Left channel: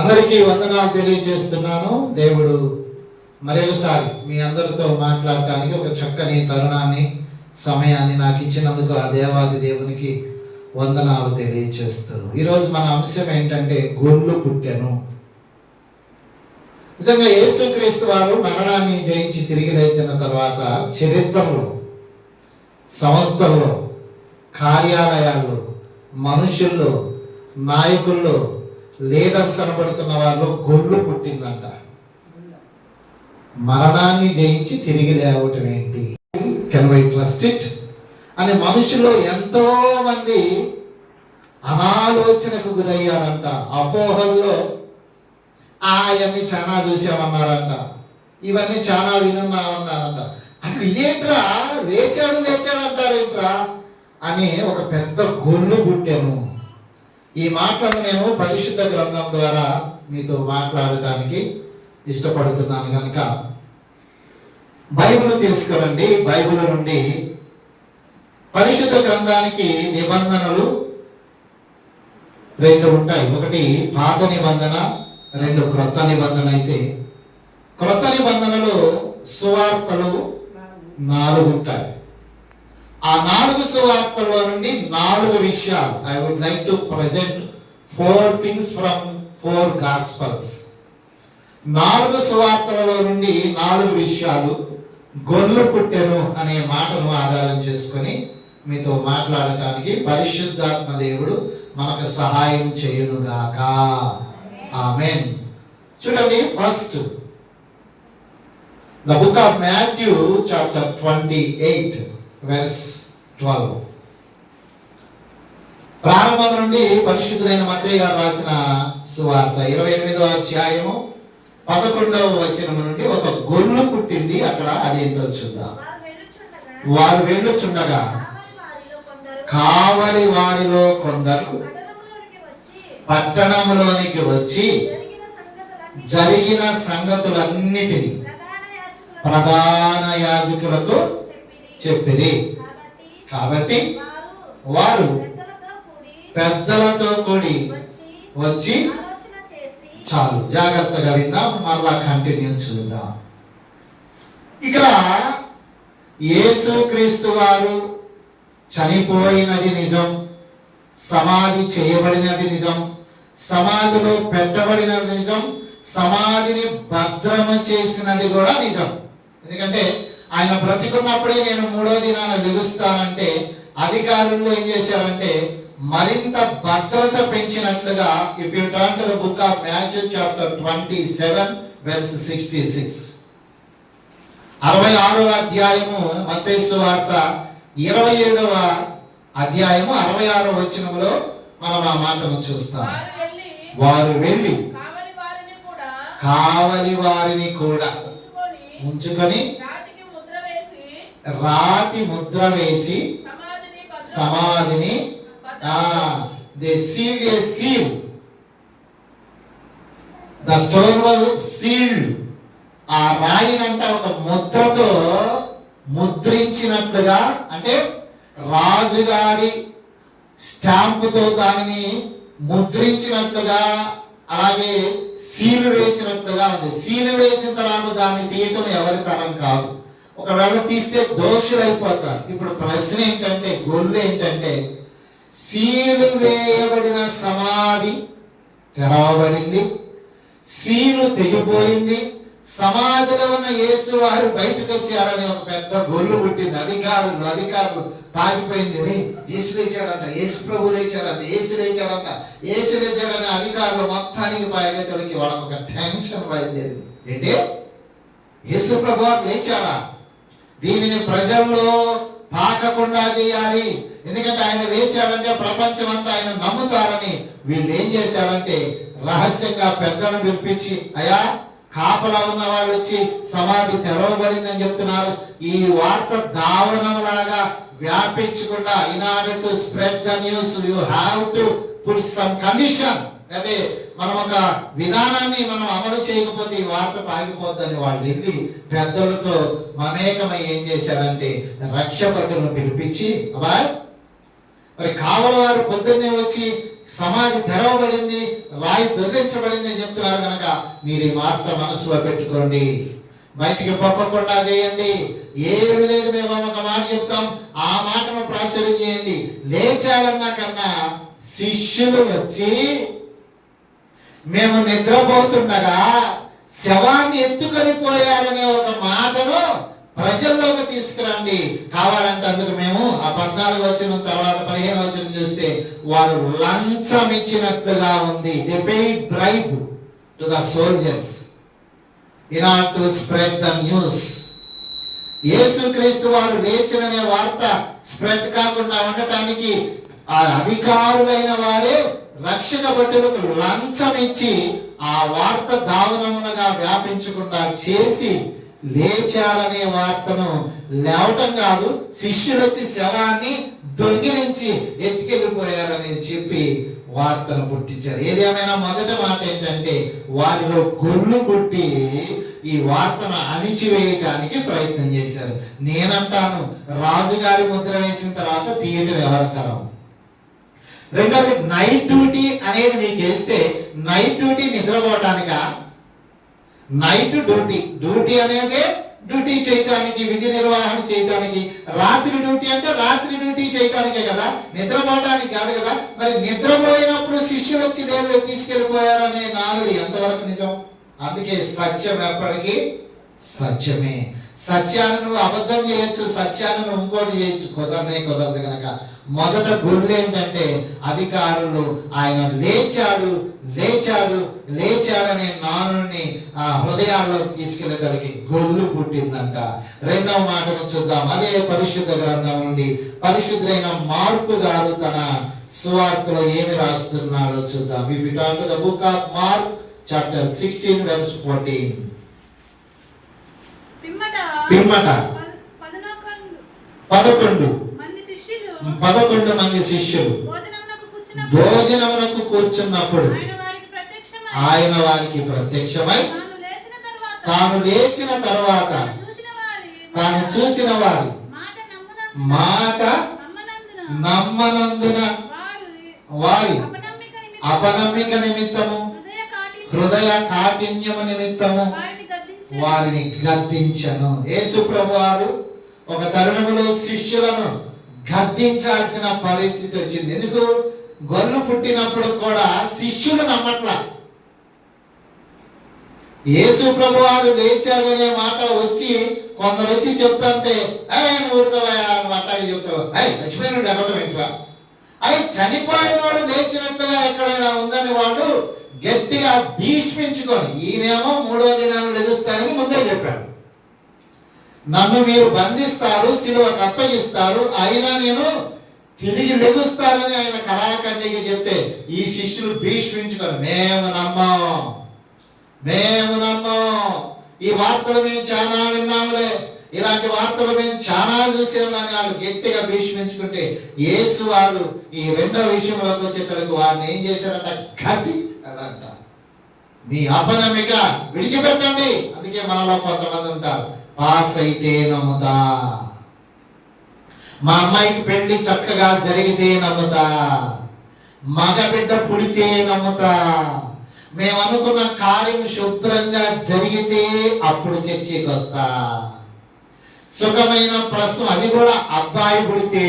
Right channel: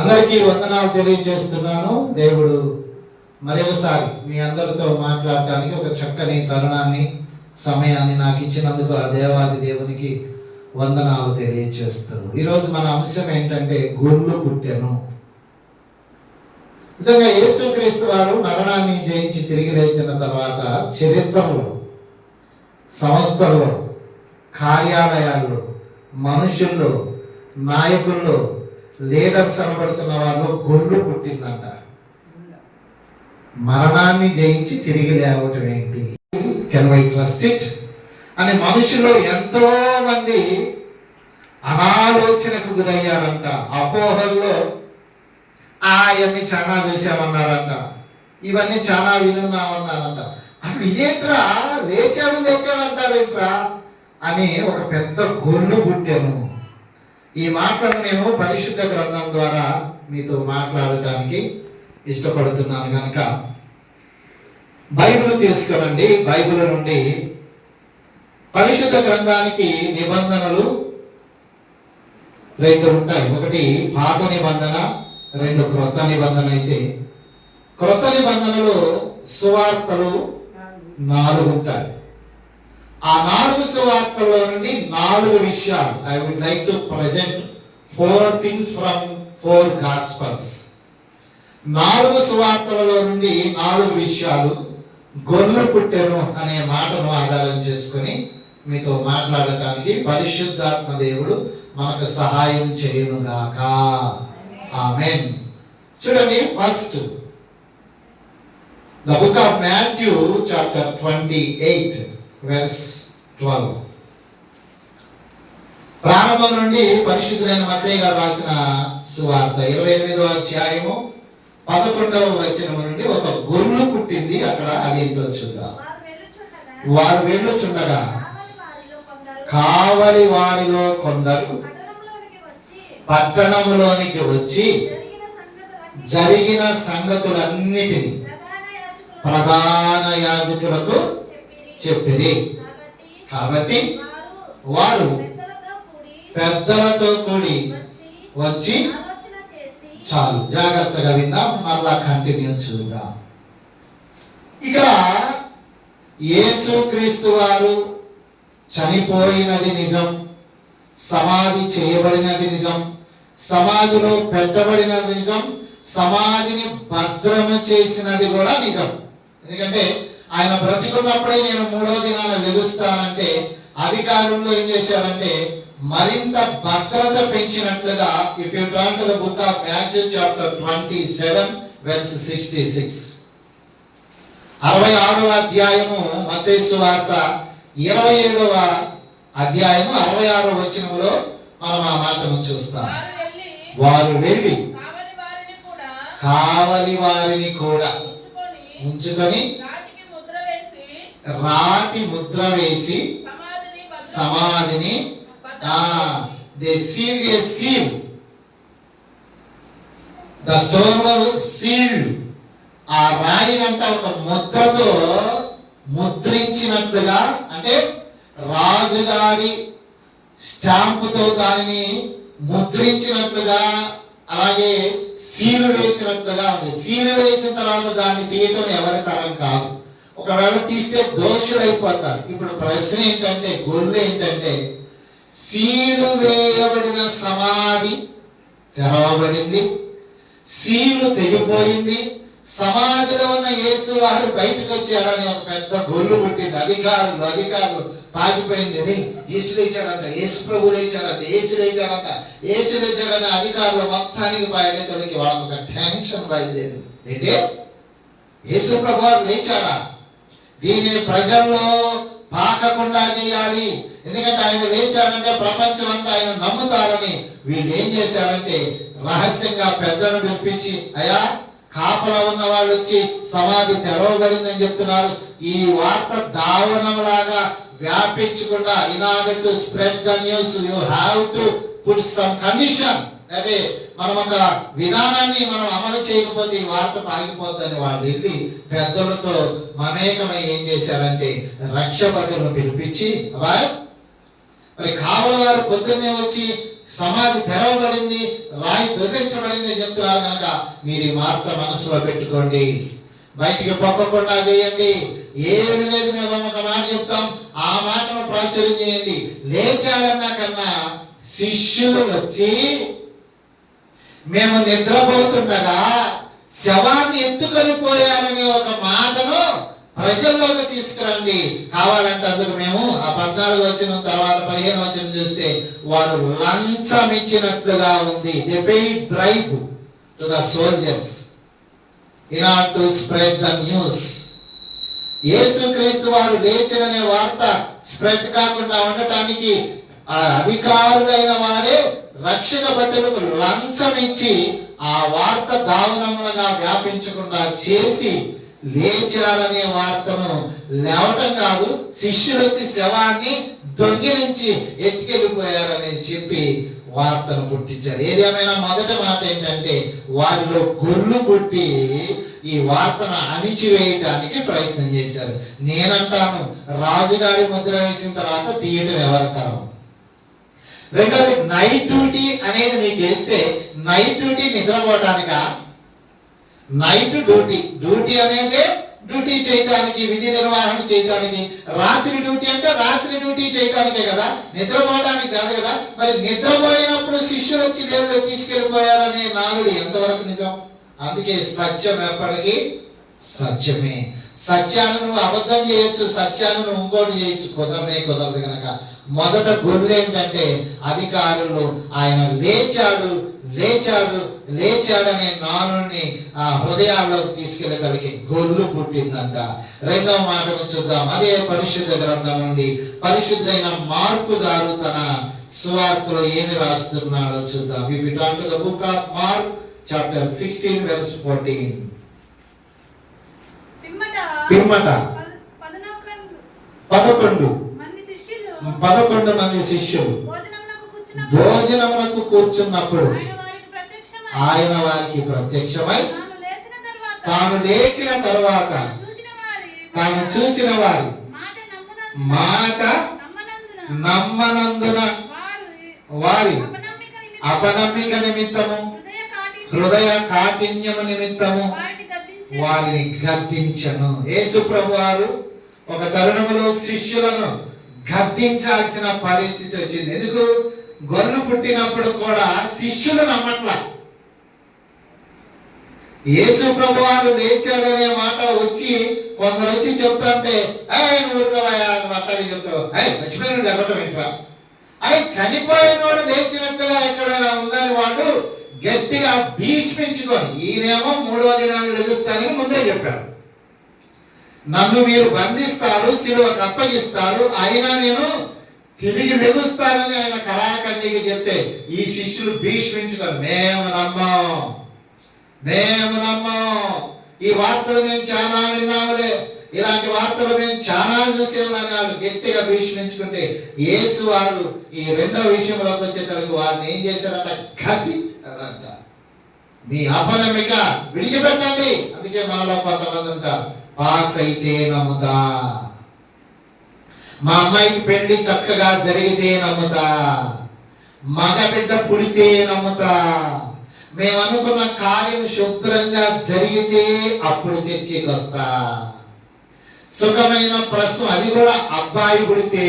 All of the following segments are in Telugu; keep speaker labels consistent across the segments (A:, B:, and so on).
A: అందరికీ వందనాలు తెలియజేస్తున్నాను. దేవుడు మరొకసారి మీ అందరితో మాట్లాడటానికి ఒక చక్కని తరుణాన్ని సమయాన్ని నాకు ఇచ్చినందుకు ఆ దేవాది దేవునికి వందనాలు తెలియజేస్తాను ఈరోజు మన అంశం ఏంటంటే గొర్రెలు పుట్టెను. నిజంగా యేసుక్రీస్తు వారు మరణాన్ని జయించి తిరిగి లేచిన తర్వాత చరిత్రలో సంస్థల్లో కార్యాలయాల్లో మనుషుల్లో నాయకుల్లో లీడర్స్ అనబడుతున్న వాళ్ళు గొర్రెలు పుట్టిందంట. మరణాన్ని జయించి తిరిగి లేవటం ఏంటి? Can we trust it? అని మనుషులు ఎంతో మంది అనాలోచనకు గురయ్యారంట. అపోహల్లో ఆ ఇవన్నీ చాలా చూసామన్నారంట. ఇవన్నీ చాలా వినున్నామన్నారంట. అసలు ఇదేంట్రా? లేచాడు లేచాడు అంటారేంట్రా? అని ఒక పెద్ద గొల్లు పుట్టాము. ఈ మాటలను నేను పరిశుద్ధ గ్రంథం ద్వారా మీతో మాట్లాడటానికి ఇష్టపడుతున్నాను కనుక బైబిల్ తీసుకురండి. బైబిల్ నుండి పరిశుద్ధ గ్రంథానికి నిబంధనలు రెండు ఉంటాయి. ఒకటి పాత నిబంధన రెండు క్రొత్త నిబంధన అయితే. క్రొత్త నిబంధనలు సువార్తలు నాలుగు ఉంటాయి. ఆ నాలుగు సువార్తల్లో నుండి నాలుగు విషయాలు. I would like to present four things from four gospels నాలుగు సువార్తలలో నుండి నాలుగు విషయాలు గొర్రె పుట్టెను అనే మాటను ఆధారం చేసుకొని మీతో మాట్లాడటానికి పరిశుద్ధాత్మ దేవుడు మనకు సహాయం చేయనుగాక. ఆమెన్ చూడండి first the book of Matthew chapter twenty eight verse twelve ప్రారంభం నుండి పరిశుద్ధులైన మత్తయ్య గారు రాసిన సువార్త ఇరవై ఎనిమిదవ అధ్యాయము పదకొండవ వచనం నుండి ఒక గొర్రె పుట్టింది అక్కడ అదేంటో చూద్దాం.
B: వారు వెళ్ళుచుండగా కావలి వారిలో కొందరు పట్టణంలోనికి వచ్చి జరిగిన సంగతులన్నిటినీ
A: సంగతులన్నిటిని
B: ప్రధాన
A: ప్రధాన యాజకులకు
B: చెప్పిరి. కాబట్టి వారు పెద్దలతో కూడి వచ్చి చాలు. జాగ్రత్తగా విందాం. మరలా కంటిన్యూ చూద్దాం. ఇక్కడ యేసు క్రీస్తు వారు చనిపోయినది నిజం సమాధి చేయబడినది నిజం సమాధిలో పెట్టబడినది నిజం సమాధిని భద్రము చేసినది కూడా నిజం. ఎందుకంటే ఆయన బ్రతికున్నప్పుడే నేను మూడో దినాన లెగుస్తానంటే అధికారులు ఏం చేశారంటే మరింత భద్రత పెంచినట్లుగా if you turn to the book of Matthew chapter twenty seven verse sixty six అరవై ఆరవ అధ్యాయము మతేసు వార్త ఇరవై ఏడవ అధ్యాయము అరవై ఆరవ వచనంలో మనం ఆ మాటను చూస్తాం.
C: వారు వెళ్ళి
B: వారు వెళ్ళి
C: కావలి వారిని కూడా
B: కావలి వారిని కూడా
C: ఉంచుకొని
B: ఉంచుకొని
C: రాతికి ముద్ర వేసి
B: రాతి ముద్ర వేసి
C: సమాధిని
B: they seal a seal. The stone was sealed. ఆ రాయినంట ఒక ముద్రతో ముద్రించినట్లుగా అంటే రాజుగారి స్టాంపుతో దానిని ముద్రించినట్లుగా అలాగే సీలు వేసినట్లుగా ఉంది. సీలు వేసిన తర్వాత దాన్ని తీయటం ఎవరి తరం కాదు. ఒకవేళ తీస్తే దోషులైపోతారు. ఇప్పుడు ప్రశ్న ఏంటంటే గొల్లు ఏంటంటే సీలు వేయబడిన సమాధి తెరవబడింది సీలు తెగిపోయింది సమాధిలో ఉన్న యేసు వారు బయటకు వచ్చారని ఒక పెద్ద గొల్లు పుట్టింది. అధికారులు అధికారులు పాకిపోయింది రే యేసు లేచాడంట యేసు ప్రభు లేచాడంట యేసు లేచాడంట యేసు లేచాడని అధికారులు మొత్తానికి బయలుదేరికి వాళ్ళకి ఒక టెన్షన్ బయలుదేరింది. ఏంటి? యేసు ప్రభు లేచాడా? దీనిని ప్రజల్లో పాకకుండా చేయాలి. ఎందుకంటే ఆయన లేచారంటే ప్రపంచం అంతా ఆయన నమ్ముతారని వీళ్ళు ఏం చేశారంటే రహస్యంగా పెద్దలను పిలిపించి అయా కాపలా ఉన్న వాళ్ళు వచ్చి సమాధి తెరవబడిందని చెప్తున్నారు. ఈ వార్త దావనంలాగా వ్యాపించకుండా in to spread the news you have to put some condition. అదే మనం ఒక విధానాన్ని మనం అమలు చేయకపోతే ఈ వార్త పాగిపోద్దని వాళ్ళు వెళ్ళి పెద్దలతో మమేకమై ఏం చేశారంటే రక్షపట్టులను పిలిపించి అబ్బాయ్ మరి కావల వారు పొద్దున్నే వచ్చి సమాధి తెరవబడింది రాయి తొలగించబడింది అని చెప్తున్నారు కనుక మీరు ఈ వార్త మనసులో పెట్టుకోండి. బయటికి పొక్కకుండా చేయండి. ఏమి లేదు మేము ఒక మాట చెప్తాం. ఆ మాటను ప్రాచుర్యం చేయండి. లేచాడన్నా కన్నా శిష్యులు వచ్చి మేము నిద్రపోతుండగా శవాన్ని ఎత్తుకొని పోయారనే ఒక మాటను ప్రజల్లోకి తీసుకురండి. కావాలంటే అందుకు మేము ఆ పద్నాలుగు వచ్చిన తర్వాత పదిహేను వచ్చిన చూస్తే వారు లంచం ఇచ్చినట్లుగా ఉంది. The paid drive to the soldiers in are to spread the news యేసుక్రీస్తు వారు లేచిననే వార్త స్ప్రెడ్ కాకుండా ఉండటానికి ఆ అధికారులైన వారే రక్షణ భటులకు లంచం ఇచ్చి ఆ వార్త దారుణములుగా వ్యాపించకుండా చేసి లేచారనే వార్తను లేవటం కాదు శిష్యులు వచ్చి శవాన్ని దొంగిలించి ఎత్తుకెళ్ళిపోయారని చెప్పి వార్తను పుట్టించారు. ఏదేమైనా మొదట మాట ఏంటంటే వారిలో గొల్లు కొట్టి ఈ వార్తను అణిచివేయటానికి ప్రయత్నం చేశారు. నేనంటాను రాజుగారి ముద్ర వేసిన తర్వాత తీయటం ఎవరితరం రెండోది నైట్ డ్యూటీ అనేది నీకు వేస్తే నైట్ డ్యూటీ నిద్రపోవటానిక నైట్ డ్యూటీ డ్యూటీ అనేది డ్యూటీ చేయటానికి విధి నిర్వహణ చేయటానికి. రాత్రి డ్యూటీ అంటే రాత్రి డ్యూటీ చేయటానికే కదా. నిద్రపోవడానికి కాదు కదా. మరి నిద్రపోయినప్పుడు శిష్యులు వచ్చి దేవుడు తీసుకెళ్ళిపోయారనే నానుడు ఎంతవరకు నిజం? అందుకే సత్యం ఎప్పటికీ సత్యమే. సత్యాన్ని అబద్ధం చేయొచ్చు సత్యాన్ని ఇంకోటి చేయొచ్చు కుదరనే కుదరదు కనుక మొదట గురువు ఏంటంటే అధికారులు ఆయన లేచాడు లేచాడు లేచాడనే నానుని ఆ హృదయాల్లోకి తీసుకెళ్ళగలిగి గొల్లు పుట్టిందంట. రెండవ మాటను చూద్దాం. అదే పరిశుద్ధ గ్రంథం నుండి పరిశుద్ధైన మార్పు గారు తన సువార్తలో ఏమి రాస్తున్నాడో చూద్దాం. If you take the book of Mark chapter sixteen verse fourteen
D: పిమ్మట.
B: పదకొండు. పదకొండు మంది శిష్యులు.
D: భోజనమునకు కూర్చున్నప్పుడు ఆయన వారికి ప్రత్యక్షమై తాను లేచిన తర్వాత
B: తాను
D: చూచిన వారి మాట నమ్మనందున వారి అపనమ్మిక నిమిత్తము హృదయ
B: హృదయ కాఠిన్యము నిమిత్తము
D: వారిని
B: గద్దించను. యేసు ప్రభు వారు ఒక తరుణంలో శిష్యులను గద్దించాల్సిన పరిస్థితి వచ్చింది. ఎందుకు? గొర్రెలు పుట్టినప్పుడు కూడా శిష్యులు నమ్మట్ల. యేసు ప్రభు వారు లేచాడనే మాట వచ్చి కొందరు వచ్చి చెప్తుంటే అయ్యే నువ్వు ఊరుకోవయ్యా చెప్తావు. అయ్యి చచ్చిపోయినాడు ఎక్కడం ఏంట్రా? అరే చనిపోయిన వాడు లేచినట్టుగా ఎక్కడైనా ఉందని వాడు గట్టిగా భీష్మించుకొని ఈయనేమో మూడవ దినాలు లభిస్తానని ముందే చెప్పాడు. నన్ను మీరు బంధిస్తారు సిలువకు అప్పగిస్తారు అయినా నేను తిరిగి లెగుస్తానని ఆయన కళాఖండికి చెప్తే ఈ శిష్యులు భీష్మించుకొని మేము నమ్మం మేము నమ్మం. ఈ వార్తలు మేము చాలా విన్నాములే. ఇలాంటి వార్తలు మేము చాలా చూసేవాళ్ళని వాళ్ళు గట్టిగా భీష్మించుకుంటే యేసు వారు ఈ రెండో విషయంలోకి వచ్చేసరికి వారిని ఏం చేశారంట? గతి అదంట మీ అపనమిక విడిచిపెట్టండి. అందుకే మనలో కొంతమంది ఉంటారు. పాస్ అయితే నమ్ముతా. మా అమ్మాయికి పెళ్ళి చక్కగా జరిగితే నమ్ముతా. మగ బిడ్డ పుడితే నమ్ముతా. మేము అనుకున్న కార్యం శుభ్రంగా జరిగితే అప్పుడు చర్చికి వస్తా సుఖమైన ప్రశ్న అది కూడా అబ్బాయి పుడితే.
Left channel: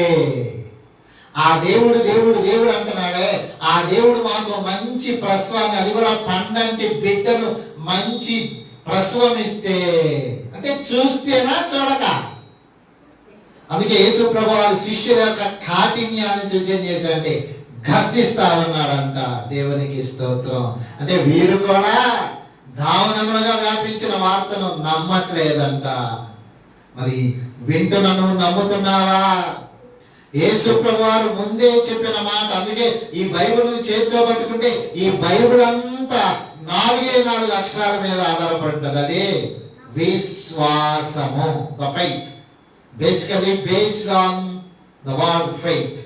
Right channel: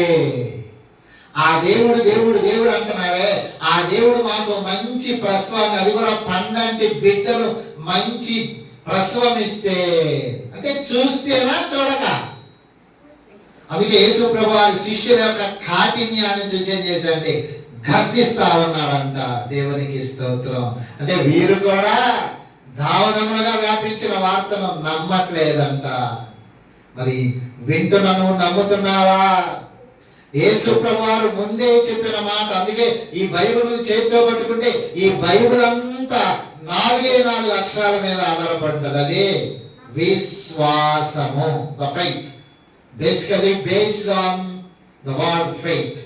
B: ఆ దేవుడు దేవుడు దేవుడు అంటున్నావే. ఆ దేవుడు మాకు మంచి ప్రసవాన్ని అది కూడా పండంటి బిడ్డను మంచి ప్రసవం ఇస్తే అంటే చూస్తేనా చూడక? అందుకే యేసు ప్రభు వారి శిష్యుల యొక్క కాఠిన్యాన్ని చూసి ఏం చేశారంటే గర్జిస్తా ఉన్నాడంట దేవునికి స్తోత్రం. అంటే వీరు కూడా దావనములుగా వ్యాపించిన వార్తను నమ్మట్లేదంట. మరి వింటున్నాను నమ్ముతున్నావా? యేసు వారు ముందే చెప్పిన మాట. అందుకే ఈ బైబిల్ చేతితో పట్టుకుంటే ఈ బైబిల్ అంతా నాలుగే నాలుగు అక్షరాల మీద ఆధారపడుతుంది. అదే విశ్వాసము. The faith basically based on the word faith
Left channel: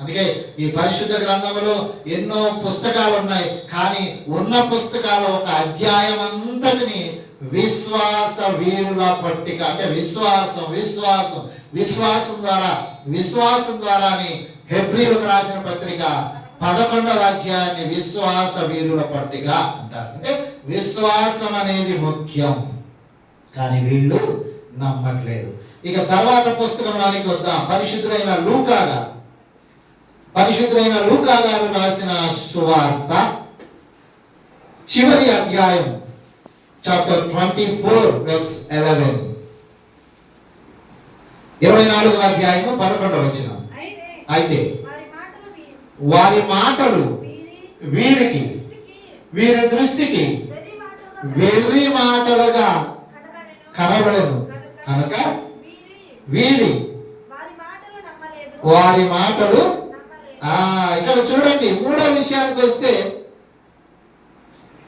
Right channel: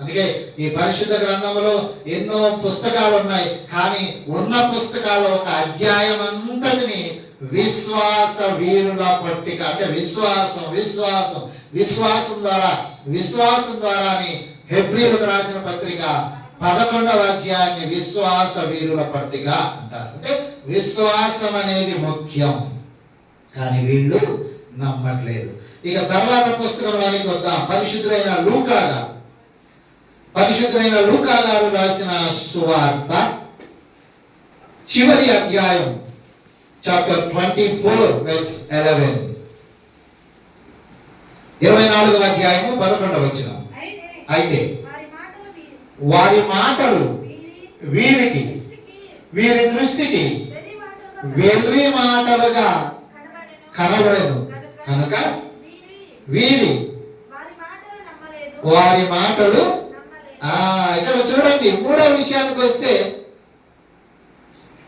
B: అందుకే ఈ పరిశుద్ధ గ్రంథంలో ఎన్నో పుస్తకాలు ఉన్నాయి. కానీ ఉన్న పుస్తకాల ఒక అధ్యాయం అంతటిని విశ్వాస వీరుల పట్టిక. అంటే విశ్వాసం విశ్వాసం. విశ్వాసం ద్వారా విశ్వాసం ద్వారా హెబ్రిలకు రాసిన పత్రిక పదకొండవ అధ్యాయాన్ని విశ్వాస వీరుల పట్టిక అంటారు. అంటే విశ్వాసం అనేది ముఖ్యం. కానీ వీళ్ళు నమ్మట్లేదు. ఇక తర్వాత పుస్తకం వారికి వద్దాం. పరిశుద్ధులైన లూకా గారు. పరిశుద్ధులైన లూకా గారు రాసిన సువార్త చివరి అధ్యాయం chapter twenty four verse eleven ఇరవై నాలుగవ అధ్యాయము పదకొండవ వచ్చిన
D: అయితే వారి మాటలు
B: వీరికి వీరి దృష్టికి
D: వెర్రి మాటలుగా కనబడెను.
B: కనుక
D: వీరి
B: వీరి
D: మాటలు
B: ఇక్కడ చూడండి మూడో విషయానికి వస్తే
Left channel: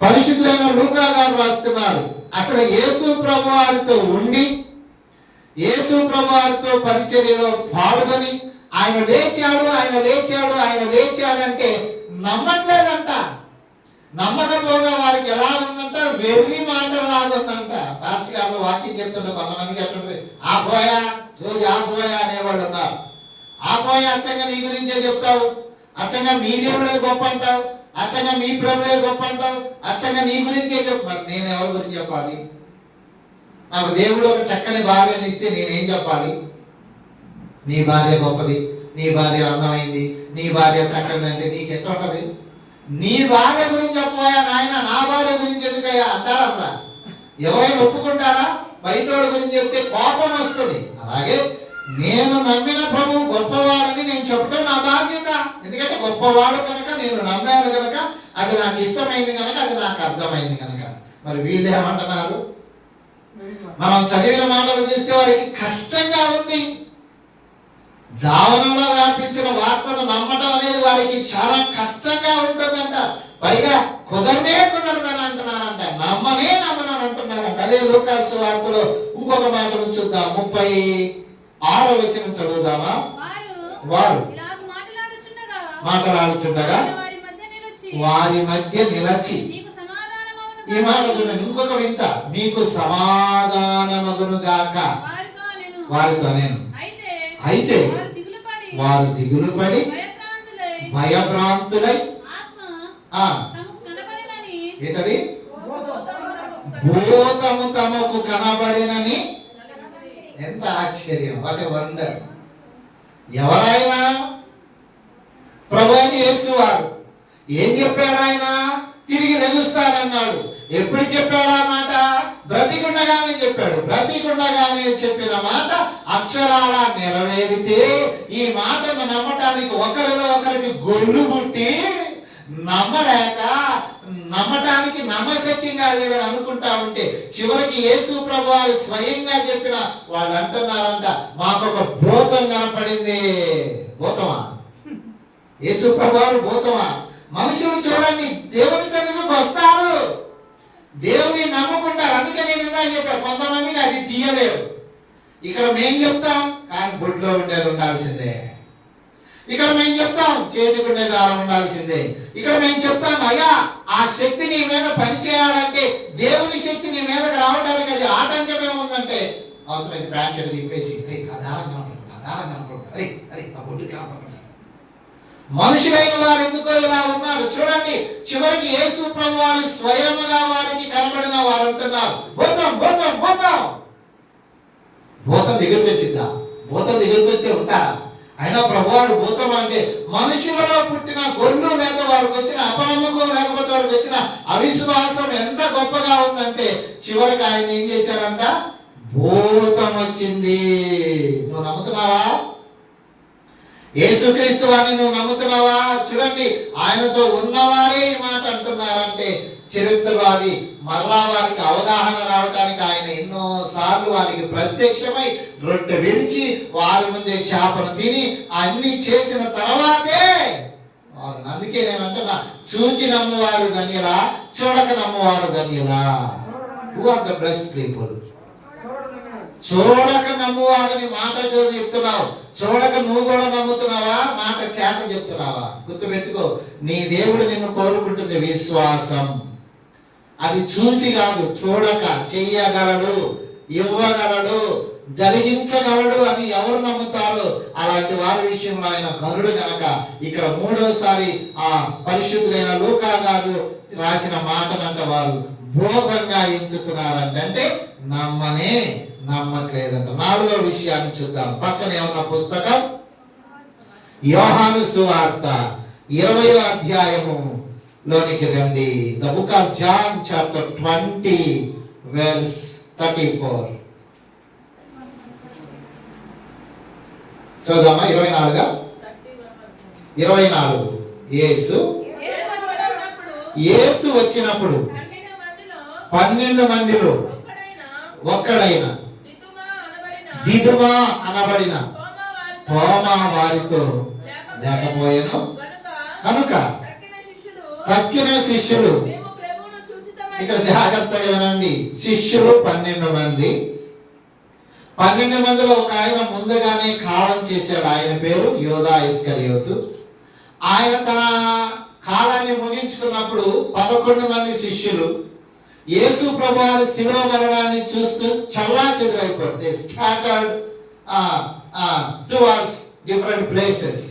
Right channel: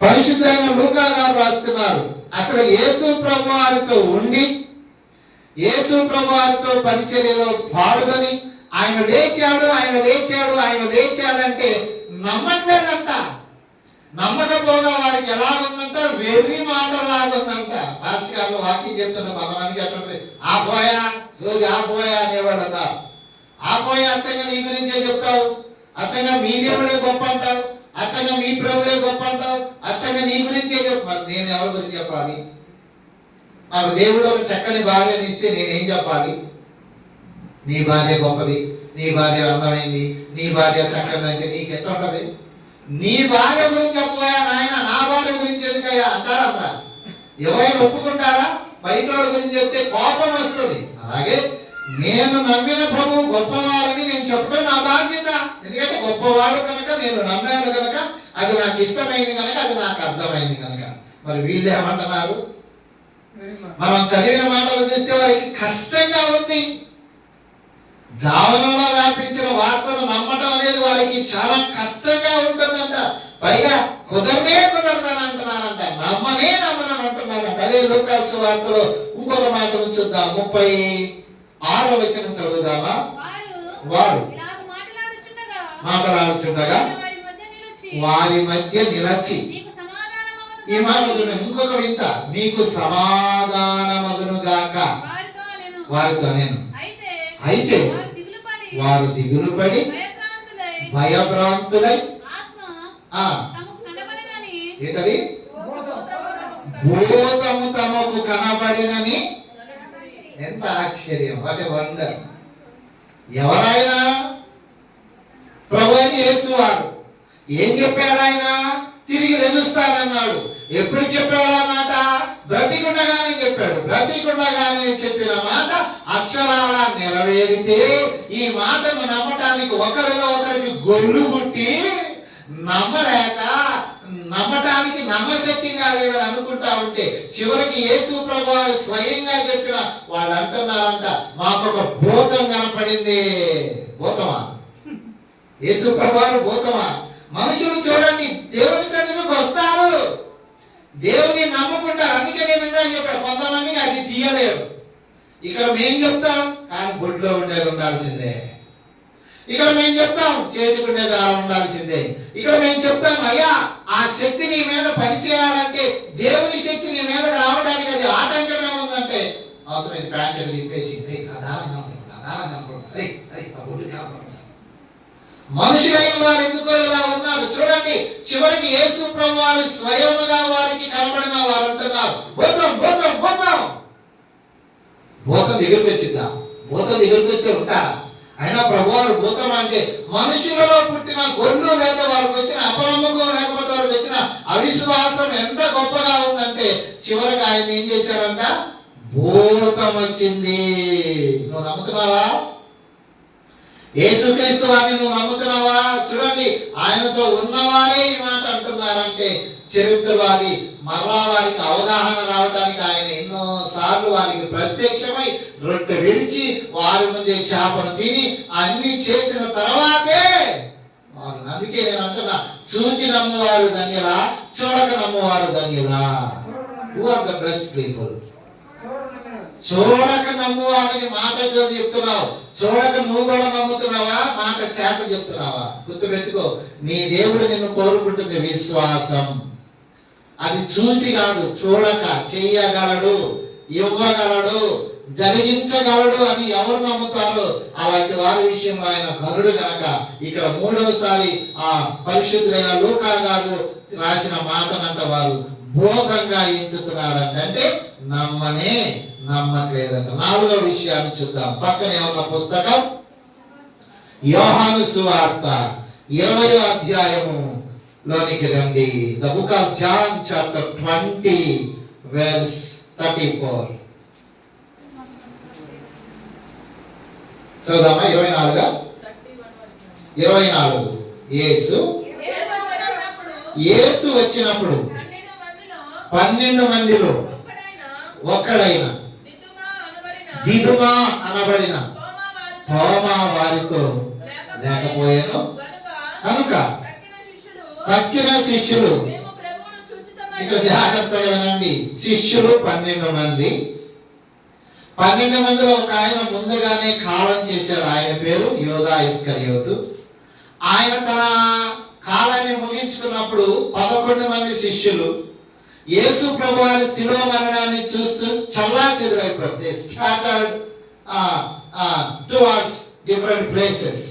B: పరిశుద్ధులైన లూకా గారు రాస్తున్నారు. అసలు యేసు ప్రభు వారితో ఉండి యేసు ప్రభు వారితో పరిచర్యలో పాల్గొని ఆయన లేచాడు ఆయన లేచాడు ఆయన లేచాడు అంటే నమ్మట్లేదంట. నమ్మకపోగా వారికి ఎలా ఉందంట? వెర్రి మాటలాగా ఉందంట పాస్టర్ గారు వాక్యం చెప్తుంటే కొంతమందికి ఎట్లుంటది ఆ పోయా ఆపోయా ఆ అనేవాళ్ళు అన్నారు ఆ అచ్చంగా నీ గురించే చెప్తావు. అచ్చంగా మీ దేవుడే గొప్ప అంటావు అచ్చంగా మీ ప్రభువే గొప్ప అంటావు అచ్చంగా నీ గురించే చెప్పు. నేను ఎవరి గురించి చెప్పాలి? నాకు దేవుడు ఒక చక్కని భార్యను ఇస్తే నేనేం చెప్పాలి? నీ భార్య గొప్పది. నీ భార్య అందమైంది. నీ భార్య చక్కదంటే నీకు ఎట్లా ఉంటది నీ భార్య గురించి చెప్పబోయా నాయన? నా భార్య గురించి ఎందుకయ్యా అంటారా ఎవరైనా ఒప్పుకుంటారా? బయట గురించి చెప్తే కోపం వస్తుంది. అలాగే నేను నమ్మిన ప్రభు గొప్పవాడని నేను చెప్పడం నా బాధ్యత. ఎందుకంటే గొప్పవాడు కనుక నేను నమ్మాను కనుక అది నాకు ఇష్టమైంది కనుక అది నాకు అర్థమైంది కనుక. మరి వీళ్ళు ఏమంటున్నారు? మనం చదివిన మాటలు చూస్తే వారికి కష్టంగా ఉంది. దావనంలో వ్యాపించిన వార్తను నమ్మటం అనేది వారికి చాలా కష్టంగా ఉంటుందంట. పైగా కుదరనే కుదరదని అంటున్నారంట. నమ్మనే నమ్మనని అంటున్నారంట. అదే లోకాసు వార్తలో ఇంకొక మాటను చూద్దాం. ముప్పై ఆరో వచ్చిన చదువుదామా?
D: వారు మాట్లాడుచుండగా వారి మధ్య నిలిచి
B: వారి మధ్య నిలచి
D: నీకు సమాధానమగును
B: ఈ మాట చూడండి. ఇంకొక వింత. మీకు సమాధానమగును గాక.
D: వారితో నేను అయితే
B: అయితే
D: వారు దిగులు పడి భయభ్రాంతులై
B: భయభ్రాంతులై
D: ఆత్మ
B: ఆ
D: తమకు కనబడినని
B: ఏంటది? భూతము తమకు కనబడినని ఎంత ఆశ్చర్యం వాటి వండర్ ఎవరైనా ప్రభు అని చేసేవారు ఏం చెప్పాడు ఆయన తిరిగి లెగుస్తానన్నాడు ఎప్పుడు చెప్పాడు ఆ మాట? బ్రతికుండగానే చెప్పాడు. బ్రతికుండగానే చెప్పిన మాట అక్షరాల నెరవేరితే ఈ మాటను నమ్మటానికి ఒకరిలో ఒకరికి గొల్లు పుట్టి నమ్మలేక నమ్మటానికి నమ్మశక్తిగా లేదని అనుకుంటా ఉంటే చివరికి యేసు ప్రభు స్వయంగా చెప్పిన వాళ్ళు అంటున్నారంట మాకు ఒక భూతం కనపడింది. భూతమా? యేసు ప్రభు భూతమా? మనుషులు చూడండి దేవుని సన్నిధికి వస్తారు. దేవుని నమ్ముకుంటారు. అందుకే నేను ఇందాక చెప్పాను కొంతమందికి అది తీయలేరు. ఇక్కడ మేం చెప్తాం కానీ గుడ్లో ఉండేది ఉండాల్సిందే. ఇక్కడ మేము చెప్తాం చేతుకునే దారం ఉండాల్సిందే. ఇక్కడ మేము చెప్తాం అయ్యా ఆ శక్తి నీ మీద పనిచేయాలంటే దేవుని శక్తి నీ మీద రావడానికి అది ఆటంకం ఏముందంటే అవసరమైతే ప్యాంకెట్ తిప్పేసి "ఏయ్, ఆ ఆ మనుషులైన వారు ఎందుకో ఇలా ఉన్నారు? చూడండి చివరికి యేసు ప్రభు వారు స్వయముగా వారికి కనబడిన వారు అంటున్నారు భూతం భూతం భూతం భూతం దగ్గరికి వచ్చిందా? భూతం దగ్గరికి వస్తే ఉంటారా? అయినా ప్రభువారు భూతం అంటే మనుషులలో పుట్టిన గొల్లు లేదా వారికి వచ్చిన అపనమ్మకం లేకపోతే వారికి వచ్చిన అవిశ్వాసం ఎంత గొప్పగా ఉందంటే చివరికి ఆయన ఏం చేశారంట? భూతం వచ్చింది. నువ్వు నమ్ముతున్నావా? యేసుక్రీస్తు వారిని నువ్వు నమ్ముతున్నావా? చూడండి ఆయనతో ఉన్నవారే ఈ మాట అంటున్నారంటే చరిత్రవాది మరలా వారికి అవగాహన రావడానికి ఆయన ఎన్నో సార్లు వారికి ప్రత్యక్షమై రొట్టె విడిచి వారి ముందే చేపను తిని అన్ని చేసిన తర్వాతే వారు. అందుకే నేను అంటున్నా చూచి నమ్మవారు ధన్యులా చూడక నమ్మవారు ధన్యులా. Who are the best people చూడక నమ్మువారని మాట చూసి చెప్తున్నావు. చూడక నువ్వు కూడా నమ్ముతున్నావా? మాట చేత చెప్తున్నావా? గుర్తుపెట్టుకో నీ దేవుడు నిన్ను కోరుకుంటుంది విశ్వాసం. అది చూసి కాదు చూడక చెయ్యగలడు ఇవ్వగలడు జరిగించగలడు అని ఎవరు నమ్ముతారు? అలాంటి వారి విషయంలో ఆయన గరుడు కనుక ఇక్కడ మూడవసారి ఆ పరిశుద్ధులైన లోకా గారు రాసిన మాటనంట వారు బోధంగా ఎంచుతున్నారంట అంటే నమ్మనే నమ్మట్లేదంట. నాలుగో విషయాన్ని చూద్దాం. పక్కనే ఉన్న పుస్తకం యోహాను సువార్త ఇరవయో అధ్యాయము. లోనికి రండి the book of John chapter twenty verse thirty four చదుదామా ఇరవై నాలుగా? ఇరవై నాలుగు. ఏసు
C: యేసు వచ్చినప్పుడు పన్నెండు మందిలో ఒక్కడైన అనబడిన
B: దిదుమా అనబడిన
C: తోమా వారితో
B: లేకపోయాను? కనుక
C: తక్కిన
B: శిష్యులు. ఇక్కడ జాగ్రత్తగా వినండి శిష్యులు పన్నెండు మంది. పన్నెండు మందిలో ఒక ఆయన ముందుగానే కాలం చేశాడు. ఆయన పేరు యోధా ఇస్కరియోతు. ఆయన తన కాలాన్ని ముగించుకున్నప్పుడు పదకొండు మంది శిష్యులు యేసు ప్రభు వారి శిలో మరణాన్ని చూస్తూ చల్లా చెదురైపోయింది స్కాటర్డ్ టువర్డ్స్ డిఫరెంట్ ప్లేసెస్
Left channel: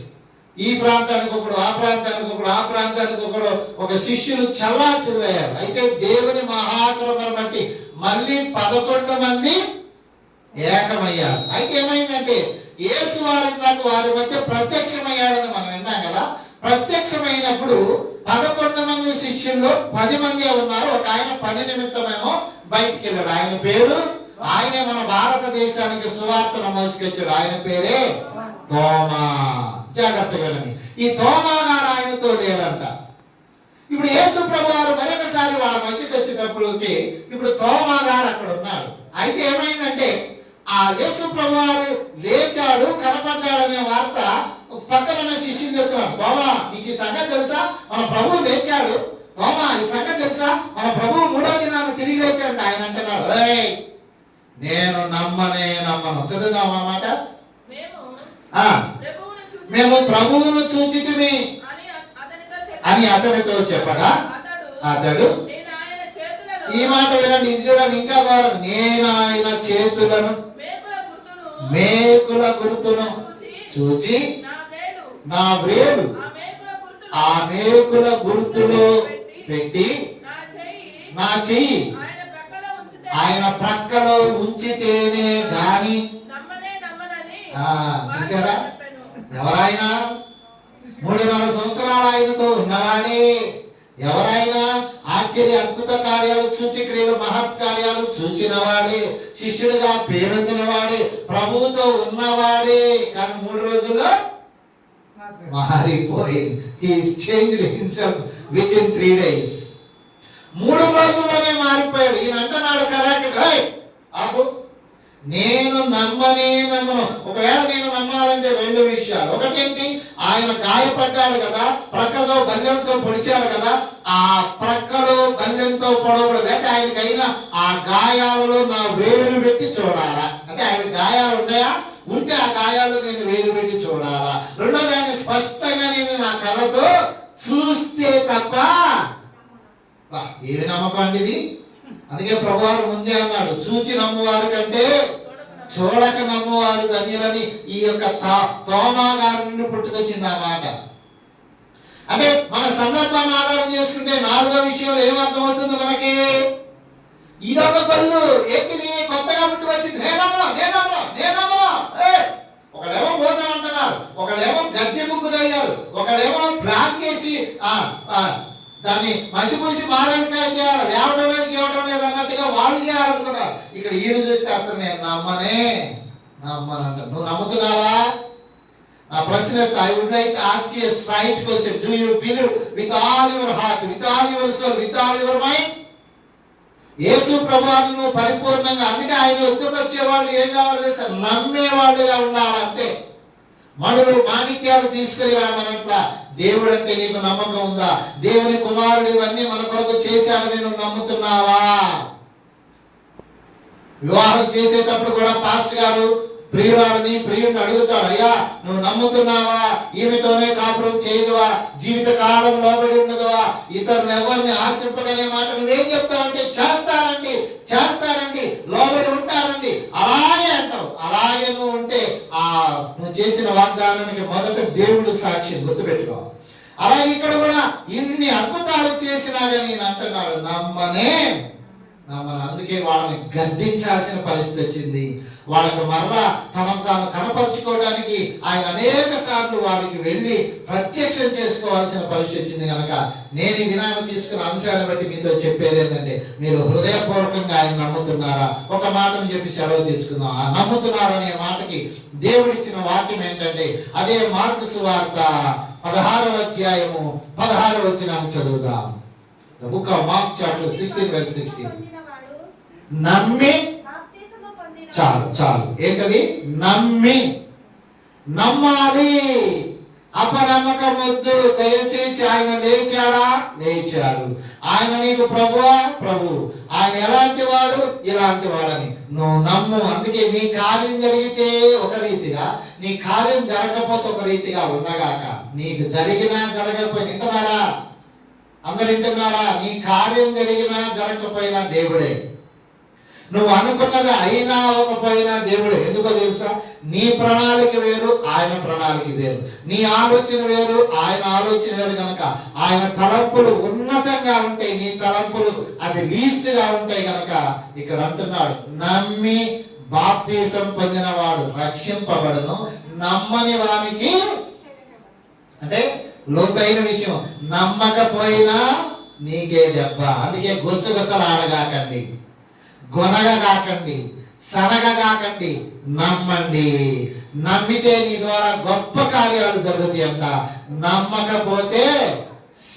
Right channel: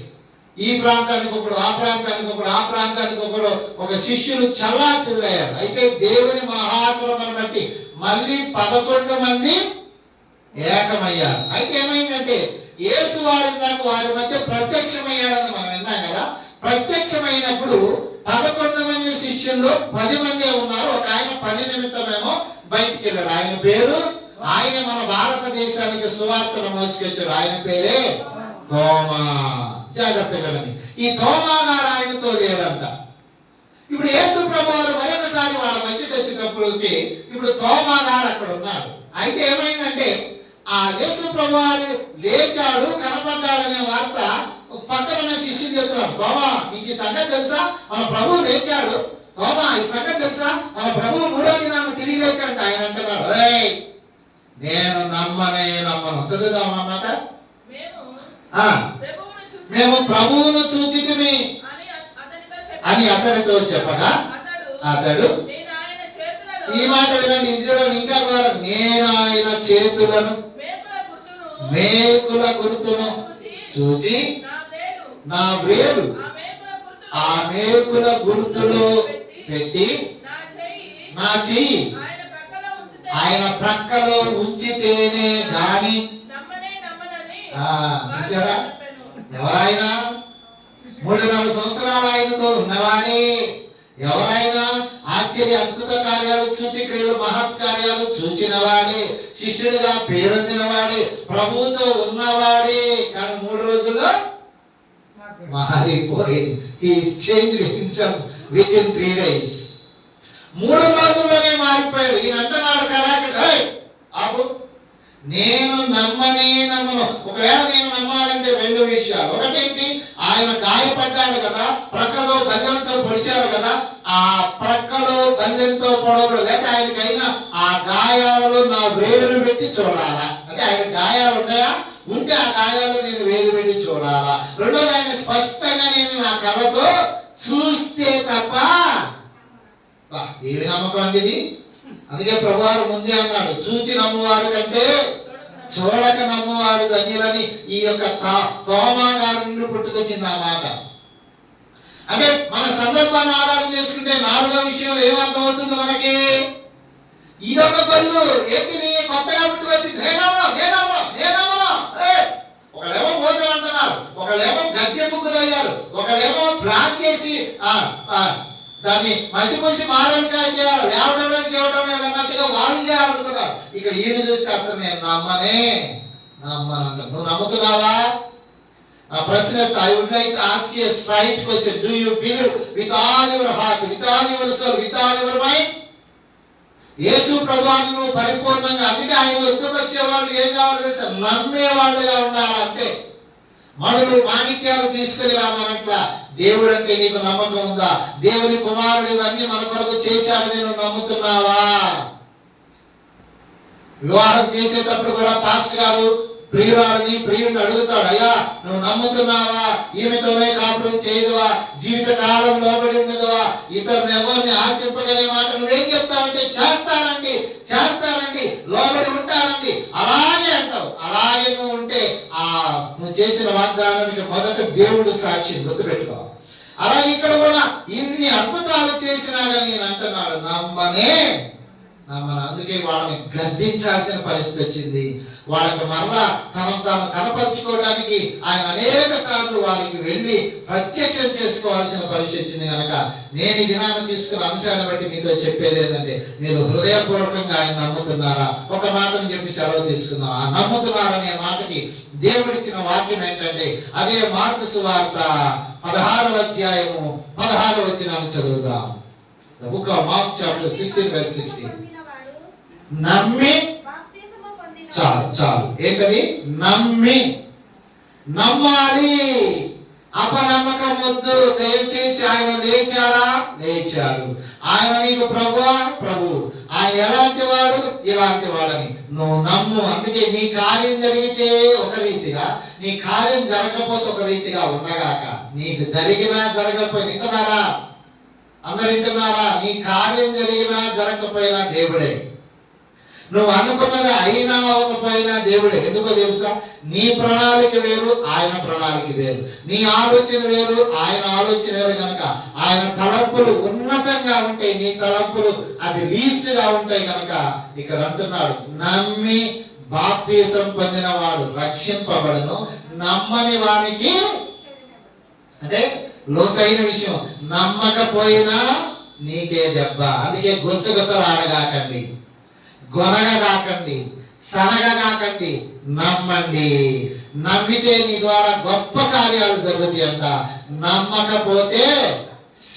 B: ఈ ప్రాంతానికి ఒకడు ఆ ప్రాంతానికి ఒకడు ఆ ప్రాంతానికి ఒకడు ఒక శిష్యులు చల్లా చెదురయ్యారు అయితే దేవుని మహాకరమను బట్టి మళ్ళీ పదకొండు మంది ఏకమయ్యారు. అయితే ఏమైందంటే యేసు వారి దాకా వారి మధ్య ప్రత్యక్షమయ్యాడని మనం విన్నాం కదా. ప్రత్యక్షమైనప్పుడు పదకొండు మంది శిష్యుల్లో పది మంది ఉన్నారు. ఒక ఆయన పని నిమిత్తమేమో బయటికి వెళ్ళాడు. ఆయన పేరు? ఆయన మన భారతదేశానికి సువార్తను మోసుకొచ్చాడు. ఆయన పేరే? తోమా. జాగ్రత్తగా వినండి. ఈ తోమా గారు ఆయనతో లేడంట. ఇప్పుడు యేసు ప్రభు వారు మరొకసారి వాళ్ళ మధ్యకి వచ్చేటప్పటికి ఇప్పుడు తోమా గారు అక్కడ ఉన్నాడు అయితే ఏమైందంటే ఆ యేసు ప్రభు వారు లేచాడు కనపడ్డాడు అనే వార్త పక్కన ఉన్న శిష్యులు చెప్తున్నారు. తోమా నీకు ఈ సంగతి తెలుసా? మన ప్రభు లేచాడు. తోమా ఈ సంగతి తెలుసా? మన ప్రభు మూడో దినాన్ని తిరిగి లేచాడు ఆయన అంటున్నాడు. "ఏయ్, నేను నమ్మనే నమ్మను. చదువుదాం అన్నమాట
C: మేము ప్రభువును
B: చూచితిమి
C: అని అతనితో చెప్పాడు.
B: చెప్పగా
C: అతడు
B: ఈ మాట వినండి చూడండి ఇంకా ఘోరం. నేను ఆయన చేతులను
C: మేకుల గుర్తును చూచి నా వేలు ఆ మేకుల
B: గుర్తులు పెట్టి
C: నా చెయ్యి ఆయన ప్రక్కలో
B: ఉంచితేనే గాని
C: నమ్మనే నమ్మనని
B: ఆ, చూశారా?
C: వారితో చెప్పెను.
B: ఎవరైనా మూడున్నర సంవత్సరాలు ఆయనతో ఉన్నవాడే ఎవరైనా ఆశ్చర్య అద్భుత కార్యాలు సూచిక్రియలు మహత్ కార్యాలు చూచిన వాడే శిష్యుడిగా పేరొందిన వాడే ప్రభువుతో ఉన్నవాడే. కానీ మూడు రోజుల్లో మారిపోయింది he's change himself within three days మూడు రోజుల్లోనే మారిపోయాడు. ఈయన అంటున్నాడు కరాకి అప్పుడు నేను నమ్మనే నమ్మను. ఒకవేళ నేను నమ్మాలంటే రెండు విషయాలు. ఒకటేంటి? ఆయన గాయపడ్డాడు కదా ప్రక్కలో బల్లెంతో పొడిచారు కదా ఆ ప్రక్కలో బల్లెంతో పొడవడు లేక ఆయనకైనా ఆ గాయాలలో నా వేలు పెట్టి చూడాలా? అంటే ఆయన గాయాలు ఉన్నాయా? ఉంటే ఆ గాయాలు నేను వేలు పెట్టి చూడాలా? రెండోది ఆయన స్పష్టంగా నేను నా కళ్ళతో చూస్తే తప్ప ఏమి నమ్మకం అండి ఇది? అందుకే ప్రభువారు ముందే అన్నాడు చూచి నమ్మువారు కంటే చూడక నమ్మువారు ధన్యులని ఈ యొక్క తా- తోమా గారి నుండి పుట్టుకొచ్చింది ఆ మాట. అంటే మన సందర్భాన్ని ఆధారం చేసుకుంటే నాలుగో విషయంలో ఏమర్థమవుతుంది మనకి? ఇదొక పళ్ళు ఏంటిది కొత్తగా పుట్టుకొచ్చింది. నేనమ్మా నేనమ్మా నేనమ్మా ఒకళ్ళేమో భోజనం అంటున్నారు ఒకళ్ళేమో గద్దె ముగ్గురయ్యారు ఒకళ్ళేమో ప్లాన్ చేసి ఆ, దాన్ని మసిపూసి మారేడుకాయ చేయాలి లేవడం లేదు చేయడం లేదు. వాళ్ళు చేయాలనుకున్నారు ఇక్కడ ఈయన చూస్తే అసలు నేను నమ్మనే నమ్మనంట నువ్వు నమ్ముతున్నావా? నా ప్రశ్న I would like ask you straight question do you believe with all your heart with all your soul with all your mind Yesu ప్రభావం నువ్వు పరిపూర్ణంగా అందుకే ఆయన వద్దకు వచ్చేవాళ్ళు ఏం కావాలి సార్ నమ్మేవాళ్ళుగా ఉండాలంటే అంతే మనులు మాణిక్యాలు తీసుకుని రామనట్ల దేవుడు అంటే నీకు నమ్మకం ఉందా? దేవుని కుమారుడు ఇవన్నీ మన కొరకు చేశాడని నువ్వు నమ్ముతున్నావా? వివాహం చేసేటప్పుడు కూడా పాస్ట్ గారు ప్రియురాలని ప్రియుడిని అడుగుతాడు అయ్యా నువ్వు నమ్ముతున్నావా? ఈమెతోనే కాపురం చేయదువా? జీవిత కాలం లోబడి ఉండదువా ఇతరుని ఎవరిని ఆశింపగలే మాట నువ్వేం చెప్తావంటే చేస్తానండి చేస్తానండి లోబడి ఉంటానండి. అలాగే అంటావు. అలాగే నువ్వు ఉంటే ఆ నువ్వు చేసిన వాగ్దానానికి మొదట దేవుడు సాక్షి గుర్తుపెట్టుకోవాలి అలా ఇక్కడ కూడా ఇన్ని అద్భుతాలు చేసినా కానీ అంటున్నాడు నమ్మనే. అందుకే వాళ్ళని గద్దించాల్సిన పరిస్థితి వచ్చింది. వాళ్ళకు మరలా తనను తాను కనపరుచుకోవడానికి ఆయన అనేక సార్లు వారికి వెళ్ళి ప్రత్యక్షం చేసుకోవాల్సిన పరిస్థితి వచ్చింది కనుక నేను ఈ దినాన్ని తీసుకున్న అంశాన్ని బట్టి మీతో చెప్పేది ఏంటంటే మీరు హృదయపూర్వకంగా ఆయన నమ్ముతున్నారా? ఒక మాటను చెప్పి సెలవు తీసుకుందాం. ఆ నమ్ముతున్నారనే మాటకి దేవుడిచ్చిన వాక్యం ఏంటంటే అదే మార్పు సువార్త పదహారవ అధ్యాయము పదహారు వచ్చినాన్ని చదువుదాం. Book of Mark chapter sixteen verse sixteen నమ్మి చాలు చాలు. ఏంటది? నమ్మి. నమ్మాలి. అపనమ్మకం వద్దు. దయచేసి ఆయన లేచాడా? లేచాడు. ఆయన నీకు ప్రభువా? ప్రభు ఆయన ఎలాంటి వాడు? ఇలాంటి వాడని. నువ్వు నమ్ము. అందుకే నీ కార్యం జరిగితే ఒక రీతిగా నీ కార్యం జరగకపోతే ఒక రీతిగా ఉండగాక నీకు జరిగినా జరగకపోయినా ఇంటున్నారా అందరు ఇంటున్నారా నీ కార్యం జరిగినా జరగకపోయినా దేవుడే. నువ్వు అనుకున్నది అయినా అవ్వకపోయినా దేవుడే. ఎందుకో తెలుసా? నీ ప్రణాళిక వేరు ఆయన ప్రణాళిక వేరు. నీ ఆలోచన వేరు ఆయన ఆలోచన వేరు కనుక ఆయన తలంపులు ఉన్నతంగా ఉంటాయి. నీ తలంపులు అది లీస్ట్గా ఉంటాయి కనుక ఇక్కడ అంటున్నాడు నమ్మి బాప్తీసం పొందిన వాడు రక్షింపబడును నమ్మని వానికి అంటే లోతైన విషయం నమ్మకపోయినా నీకే దెబ్బ. అందుకే గుసగుసలు ఆడగాకండి గొనగ కాకండి సనగ కాకండి నమ్మండి. నమ్మితే నీ ద్వారా గొప్ప కార్యాలు జరుగుతాయి అంట. నమ్మకపోతే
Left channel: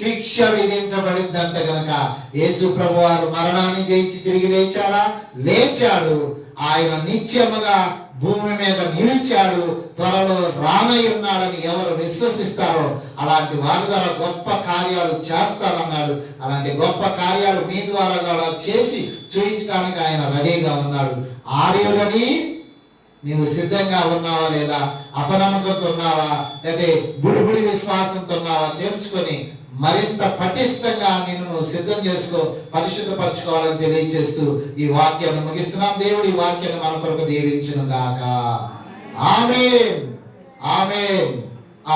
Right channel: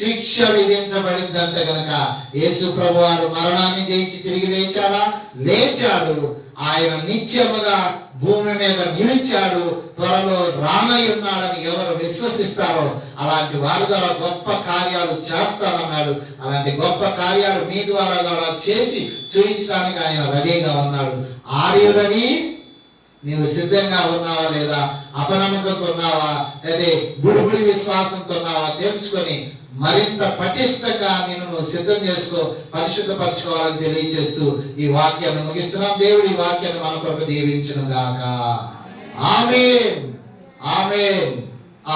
B: శిక్ష విధించబడిందంట గనక. యేసు ప్రభు వారు మరణాన్ని జయించి తిరిగి లేచాడా? లేచాడు. ఆయన నిత్యముగా భూమి మీద నిలిచాడు త్వరలో రానై ఉన్నాడని ఎవరు విశ్వసిస్తారో అలాంటి వారి ద్వారా గొప్ప కార్యాలు చేస్తారన్నాడు. అలాంటి గొప్ప కార్యాలు మీ ద్వారా కూడా చేసి చూపించడానికి ఆయన రెడీగా ఉన్నాడు. ఆర్యులని రెడీ నీవు సిద్ధంగా ఉన్నావా లేదా? అపనమ్మకంతో ఉన్నావా? లేదా బుడిబుడి విశ్వాసంతో ఉన్నావా? తెలుసుకొని మరింత పటిష్టంగా నేను నువ్వు సిద్ధం చేసుకో పరిశుద్ధపరచుకోవాలని తెలియజేస్తూ ఈ వాక్యాన్ని ముగిస్తున్నాం. దేవుడి ఈ వాక్యాన్ని మన కొరకు దీవించును గాక. ఆమె ఆమె